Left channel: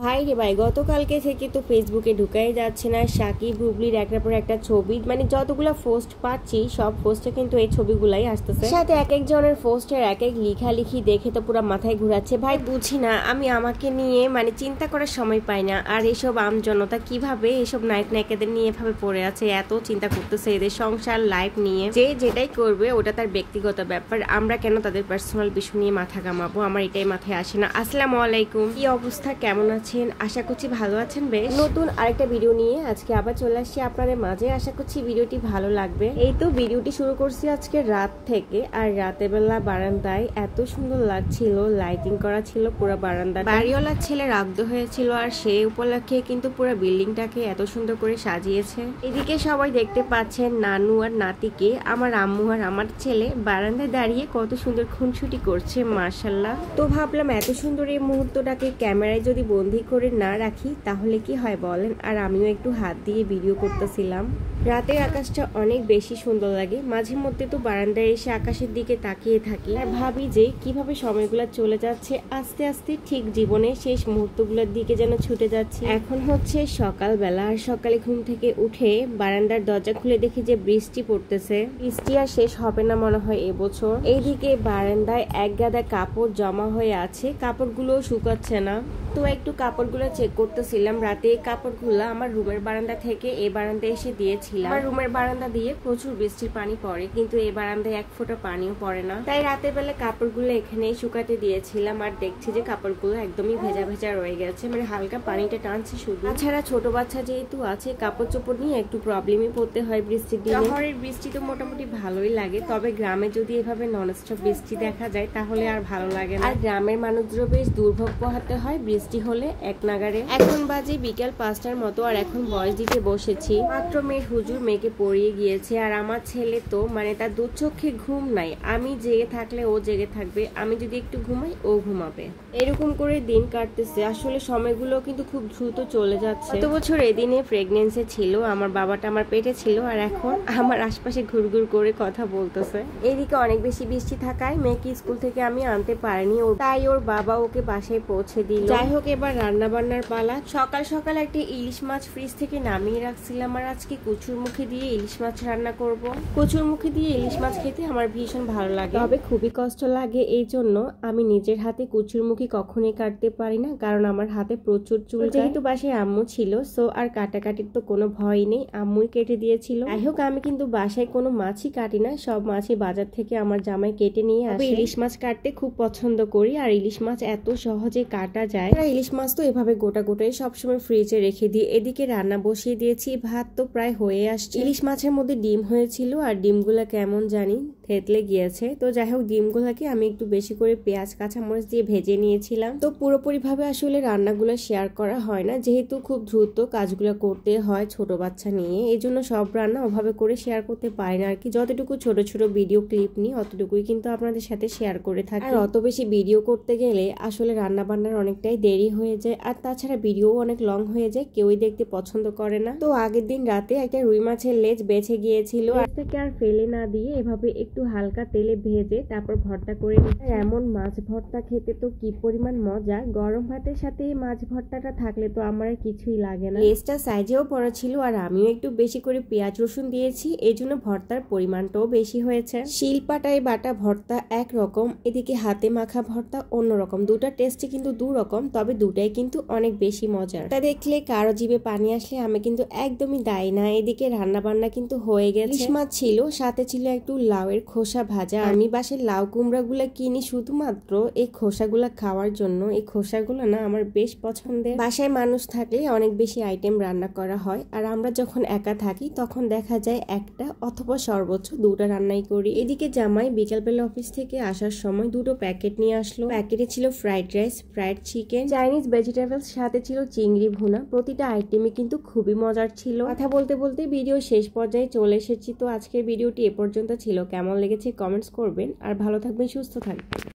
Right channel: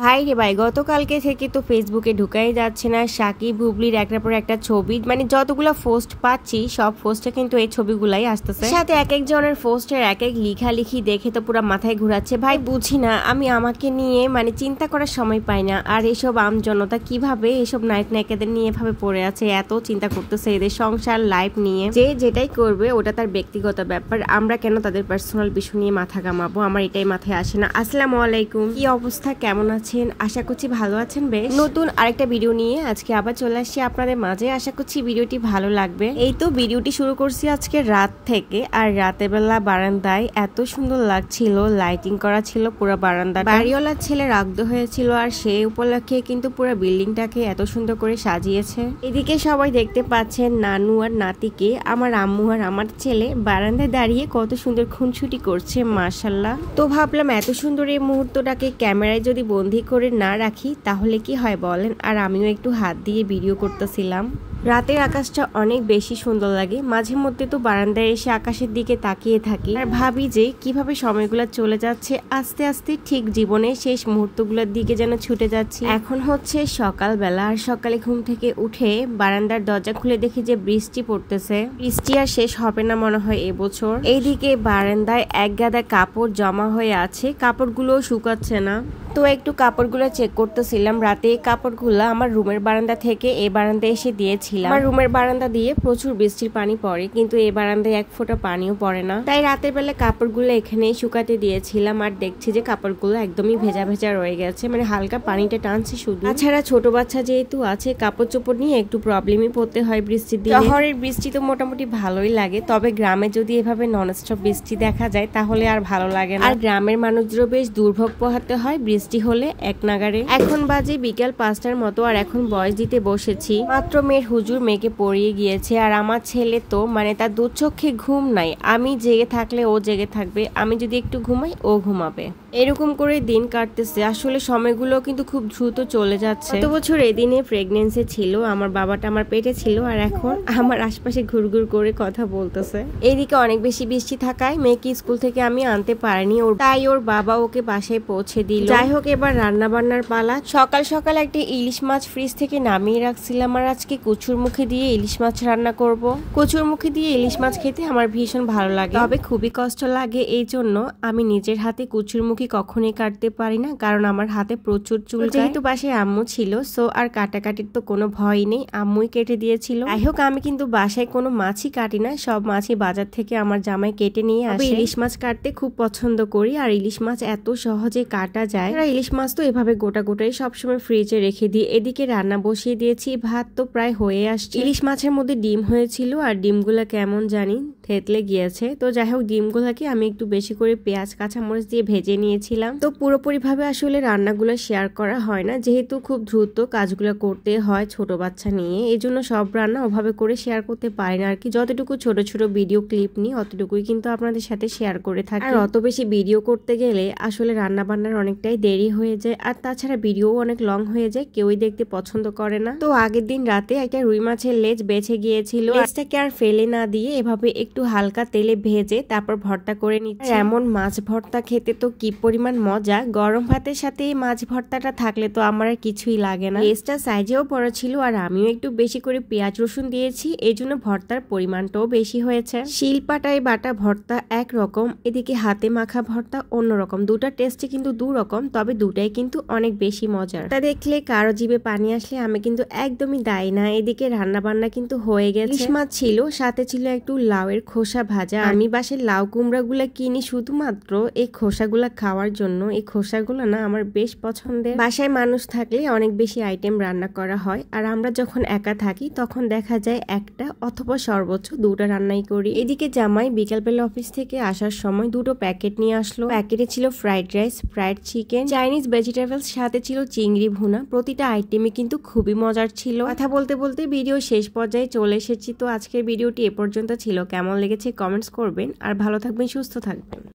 ভাই রে ভাই, গতকালকে থেকে তো ফেসবুকে ঢুকাই যাচ্ছে না সাকিব বুবলির একটার পর একটা ছবি। মানে যতগুলো পোস্ট পাচ্ছি সব পোস্টে কিন্তু এই ছবিগুলাই আসতেছে, সাথে এক একজনের পোস্টের এক এক লেখালেখি দেখে তো পুরো মাথায় ঘুরাচ্ছে। ভাই বুঝি না, আমি আমাকে নিয়ে মানে চিন্তা করার সময় পাই না। আর এসব আমজনতা কিভাবে এসব নায়ক নায়িকাদের নিয়ে এভাবে পড়ে আছে, এত চিন্তা করতেছে এদের সংসার লাইফ নিয়ে। যে যেটাই করবে ওটা তার ব্যক্তিগত ব্যাপার, আমরা কেন তাদের পার্সোনাল বিষয় নিয়ে মাথা কামাবো, আমার এটাই মাথায় আসে না। আসসালামু আলাইকুম, কি অবস্থা, কেমন আছেন? আশা করছি ভালো আছেন। বেশ নতুন আরেকটা ভিডিও নিয়ে আজকে আবার চলে আসছি আপনাদের মাঝে। আশা করছি ভিডিওটি ভালো লাগবে। এই তো ভিডিওটি শুরু করছি আজকে রাত থেকে, আর রাতের বেলা বারান্দায় এত সুন্দর লাগছিল, লাইটিং করা ছিল পুরো বারান্দা। বাড়িওয়ালার ছেলে রাগদ হয়েছিল, আর সেই উপলক্ষে কিন্তু পুরো বিল্ডিংটাকে এত সুন্দর করে সাজিয়েছে। এদিকে সবাই দেখতে পাচ্ছেন নানু আর নাতিকে, আমার আম্মু আর আমার ছেলে বারান্দায় দাঁড়িয়ে কত সুন্দর খুনসুটি করছে, মাশাআল্লাহ। তো ভাবলাম এত সুন্দর এই মুহূর্তটাকে ক্যামেরায় যদি বন্দি করে না রাখি তাহলে কি হয় বলেন। আর আমিও একটু হাত দিয়ে ভিডিও করতেছিলাম। রাতের আকাশটা অনেক বেশি সুন্দর লাগে, মাঝে মধ্যে তো বারান্দায় এসে আকাশের দিকে তাকিয়ে থাকি আর ভাবি যে কিভাবে সময়গুলো চলে যাচ্ছে আস্তে আস্তে, ঠিক জীবনের শেষ মুহূর্তগুলোর দিকে যেন ছুটে যাচ্ছি। এখন হচ্ছে সকালবেলা, আর সকালে ঘুম থেকে উঠে বারান্দার দরজা খুলে দেখি যে বৃষ্টি পড়তেছে। বৃষ্টি আর শেষ হবে না মনে হয় এবছর। এইদিকে বারান্দায় এক গাদা কাপড় জমা হয়ে আছে, কাপড়গুলো শুকাচ্ছে না, তো একটু কাপড়গুলো চেক করতেছিলাম। রাতে কাপড়গুলো আমার রুমের বারান্দা থেকে এই বারান্দায় এসে দিয়েছিলাম। আমার রুমের বারান্দা দিয়ে প্রচুর বৃষ্টির পানি পড়ে, কিন্তু এই বারান্দায় এক ফোঁটা পানিও পড়ে না। তাই রাতের বেলা কাপড়গুলো এখানেই শুকাতে দিয়েছিলাম, আর দেখছি যে কাপড়গুলো একদমই ভেজা ভেজা রয়ে গেছে, মানে হালকা পানিটা টানছে শুধু। তাছাড়া ছোট বাচ্চা যেহেতু আছে, কাপড় চোপড় নিয়ে একটু প্রবলেমই পড়তে হয় বৃষ্টির দিনে। শহরের বৃষ্টি তো মোটামুটি ভালোই লাগে, তবে গ্রামে যদি এভাবে ননস্টপ বৃষ্টি দেখা যায় তাহলে আর ভালো লাগে না। আর গ্রামের মানুষদেরও বেশ দুর্ভোগ পোহাতে হয় বৃষ্টি হলে এক নাগারে। এখন বাজে বিকেল 5টার মতো, আর এখন বয়স দিতে বসেছি। মাত্র মেয়ের হুজুর মেয়েকে পড়িয়ে গিয়েছে, আর আমার ছেলে তো মানে তার দু চোখে ঘুম নাই। আমি জেগে থাকলে ও জেগে থাকবে, আমি যদি একটু ঘুমাই ও ঘুমাবে, এরকম করে দিন কাটতেছে। আসলে সময়গুলো কিন্তু খুব দ্রুত চলে যাচ্ছে। গত বছর এদিনে প্রেগনেন্সি ছিল, আমার বাবাটা আমার পেটে ছিল, আর এখন আমার আশপাশে ঘুরঘুর করে কথা বলতেছে। এইদিকে অনেক বেশি বৃষ্টি থাকায় মেয়েকে স্কুল থেকে আমি আনতে পারিনি, তাই ওর বাবা ওকে বাসায় পৌঁছে দিল। যাই হোক, এবার রান্না বান্নার পালা। সকাল সকাল একটা ইলিশ মাছ ফ্রিজ থেকে নামিয়ে রাখছিলাম, আর আজকে কচুর মুখে দিয়ে ইলিশ মাছ রান্না করব। কচুর মুখে দিয়ে ইলিশ মাছ খেতে আমার ভীষণ ভালো লাগে, তবে খুবই কষ্ট লাগে। এই জন্য আমি নিজের হাতে কচুর মুখি কখনোই কাটতে পারি না, কারণ আমার হাতে প্রচুর চুল। যেহেতু বাসায় আম্মু ছিল, সো আর কাটাকাটির তো কোনো ভয় নেই, আম্মুই কেটে দিয়েছিল। যাই হোক, আমি কিন্তু বাসায় কোনো মাছই কাটি না, সব মাছই বাজার থেকে আমার জামাই কেটে নিয়ে আসে। ইলিশ মাছ কাটতে খুব পছন্দ করি, আর ইলিশ মাছ এত সহজে কাটা যায়। ইলিশ মাছ তো এভাবে গোটা গোটাই সবসময় ফ্রিজে রেখে দিই। এদিকে রান্না বসিয়ে দিয়েছি, ভাত তো প্রায় হয়ে আসছে। ইলিশ মাছের মধ্যে ডিম হয়েছিল, আর ডিমগুলা কেমন জানি থেতলে গিয়েছে। তো যাই হোক, ডিমগুলাকে আমি একটু বেশি করে পেঁয়াজ কাঁচামরিচ দিয়ে ভেজে নিয়েছিলাম। তো পুরোপুরি ভাবে আসলে রান্নাগুলো শেয়ার করা হয় না, যেহেতু খুব দ্রুত কাজগুলো করতে হয় ছোট বাচ্চা নিয়ে, এই জন্য সব রান্না ওভাবে করে শেয়ার করতে পারি না আর কি। যতটুকু ছোট ছোট ভিডিও ক্লিপ নিই অতটুকুই কিন্তু আপনাদের সাথে শেয়ার করে থাকি। আর অত বেশি ভিডিও করতে গেলে আসলে রান্না বান্নার অনেকটাই দেরি হয়ে যায়, আর তাছাড়া ভিডিও অনেক লং হয়ে যায়, কেউই দেখতে পছন্দ করে না। তো আগের দিন রাতে একটা রুই মাছের লেজ বেঁচে গিয়েছিল, লেজটাকে আর ফেলে না দিয়ে এভাবে একটু হালকা তেলে ভেজে তারপর ভর্তা করে নিচ্ছি। এমন মাছ ভর্তা খেতে তো কি পরিমাণ মজা, গরম ভাতের সাথে এই মাছ ভর্তাটা থাকলে তো আমার আর কিছুই লাগে না। লেজটা সাইজেও বড় ছিল, আর আমিও একটু বেশি করে পেঁয়াজ রসুন দিয়েছি, এই জন্য ভর্তার পরিমাণটাও বেশি হয়েছে। শিলপাটায় বাটা ভর্তা একরকম, এদিকে হাতে মাখা ভর্তা অন্যরকম, দুটা টেস্টে কিন্তু দু রকম, তবে দুটাই কিন্তু অনেক বেশি মজার। তা দেখলে কারো জিভে পানি আসলে আমি কিন্তু একদমই দায়ী না। এদিকে রান্না বান্না কিন্তু হয়ে গেছে। ইলিশ মাছ ছিল, সাথে ছিল একটু লাউয়ের খোসা ভাজা। আমি বাসায় লাউ কুমড়া গুলা কিনি শুধুমাত্র এই খোসাগুলা খাওয়ার জন্য। এই খোসাগুলো না আমার বেশ পছন্দের। বাসায় মানুষ থাকলে অনেক বেশি আইটেম রান্না করা হয়, আর আমরা যখন একা থাকি তখন দেখা যায় একটা অথবা সর্বোচ্চ দুটো রান্নাই করি। এদিকে জামাই বিকালবেলা অফিস থেকে আসার সময় দুটো প্যাকেট নিয়ে আসলো। প্যাকেটে ছিল fried rice, fried chicken, Chinese vegetables, সাথে ছিল চিংড়ি ভুনা। প্রতিটা আইটেমই কিন্তু খুবই মজার ছিল। কথা বলতে বলতে ভিডিও শেষ পর্যায়ে চলে এসেছি। তো আজকের ভিডিওটি এ পর্যন্ত ছিল, কেমন লেগেছে কমেন্টস করবেন, আর ভালো থাকবেন, সুস্থ থাকবেন।